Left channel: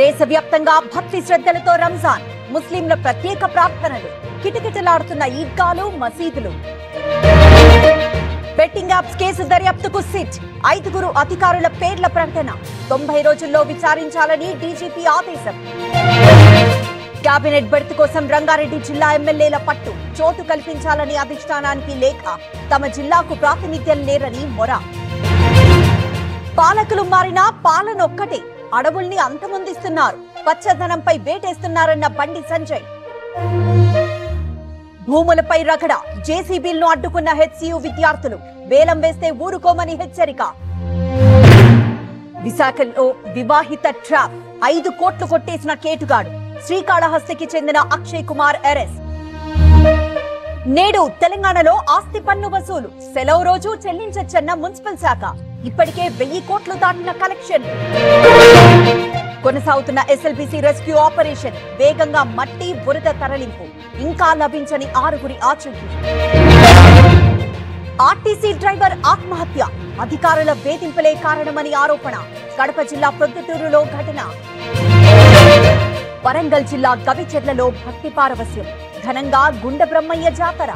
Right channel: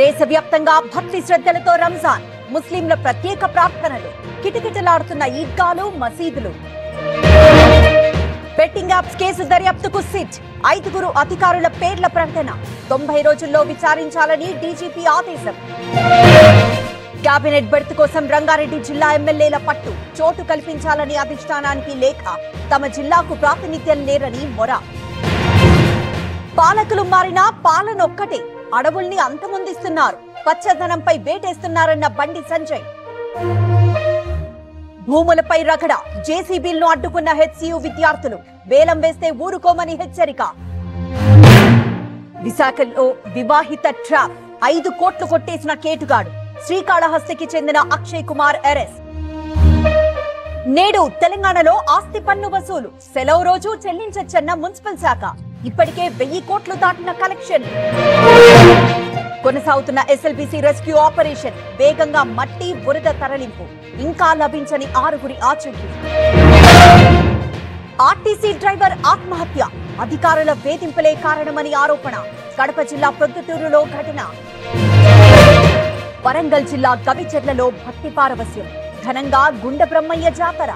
దేశవ్యాప్తంగా భక్తి శ్రద్ధలతో రంజాన్, ముస్లింల ప్రత్యేక ప్రార్థనలు, కిటకిటలాడుతున్న ఈద్గాలు, మసీదులు. బెట్టింగ్ యాప్స్ కేసు దర్యాప్తుకు సిట్, 5 అధికారుల పేర్ల ప్రకటన, 90 రోజుల్లో విచారించాలని డీజీపీ ఆదేశం. కేబినెట్ బెర్త్ కోసం రంగారెడ్డి జిల్లా ఎమ్మెల్యేల పట్టు, చోటు కల్పించాలని అధిష్టానానికి లేఖ, తమ జిల్లాకు ప్రాతినిధ్యం లేరని మొర. పాలకులు మారినా పాలనొక్కటే, అడవుల్ని అంతమొందిస్తున్నారు, పచ్చదనంపై వేటేస్తున్నారన్న బండి సంజయ్. భూములపై రగడ, జేసీబీలను అడ్డుకున్న హెచ్సియు విద్యార్థులు, వేలం వేస్తే ఊరుకోమని హెచ్చరిక. విశాఖలో వివాహిత ట్రాప్, 5 కోట్లు కొట్టేసిన కేటుగాడు, శ్రీకాళహస్తికి చెందిన అక్షయ్ కుమార్ అరెస్ట్. నేడు తెలంగాణలో ఆస్తి పన్ను వసూలు, సెలవు రోజు చెల్లించొచ్చన్న మున్సిపల్ శాఖ, ఇప్పటికే 1000 కోట్లు దాటిన కలెక్షన్. కొనసాగుతున్న ఎస్ఎల్బీసీ రెస్క్యూ ఆపరేషన్, వేగంగా మట్టి బురద తరలింపు, ఇంకా లభించని 6 ఆచూకీ. ఆర్టీసీ డ్రైవర్ ఆత్మహత్య, అధికారుల వేధింపులే కారణమని ఆరోపణ, కడప జిల్లా ప్రొద్దుటూరులో ఘటన. వరంగల్ జిల్లా గవిచెర్లలో భక్తి పారవస్యం, ఘనంగా గుండ బ్రహ్మయ్య జాతర,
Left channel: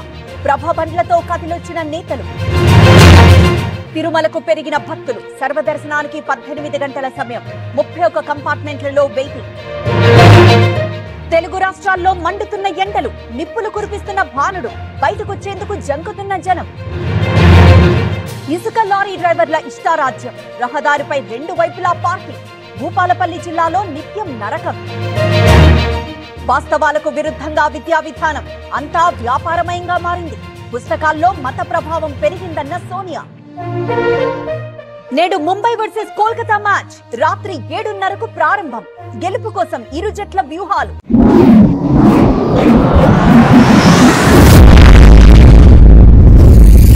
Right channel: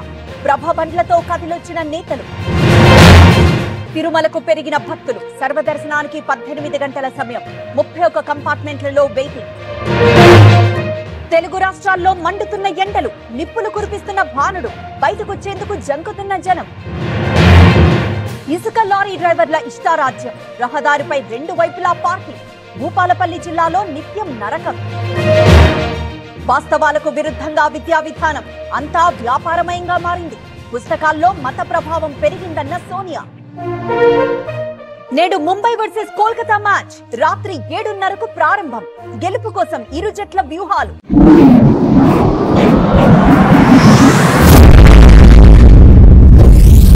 ప్రభబండ్లతో కదిలొచ్చిన నేతలు. తిరుమలకు పెరిగిన భక్తులు, సర్వదర్శనానికి 18 గంటల సమయం, 31 కంపార్ట్మెంట్లలో వెయిటింగ్. తెలుగు రాష్ట్రాల్లో మండుతున్న ఎండలు, నిప్పులు కురిపిస్తున్న భానుడు, బయటకొచ్చేందుకు జంకుతున్న జనం. ఇసుక లారీ డ్రైవర్ల ఇష్టారాజ్యం, రహదారిపై 2 వైపులా పార్కింగ్, భూపాలపల్లి జిల్లాలో నిత్యం నరకం. వాస్తవాలకు విరుద్ధంగా విద్యా విధానం, అంతా వ్యాపారమయంగా మారింది, పుస్తకాల్లో మత ప్రభావం పెరిగిందన్న సోనియా. నేడు ముంబై వర్సెస్ కోల్కతా మ్యాచ్ రాత్రి 7:30కు ప్రారంభం, గెలుపు కోసం ఇరు జట్ల వ్యూహాలు.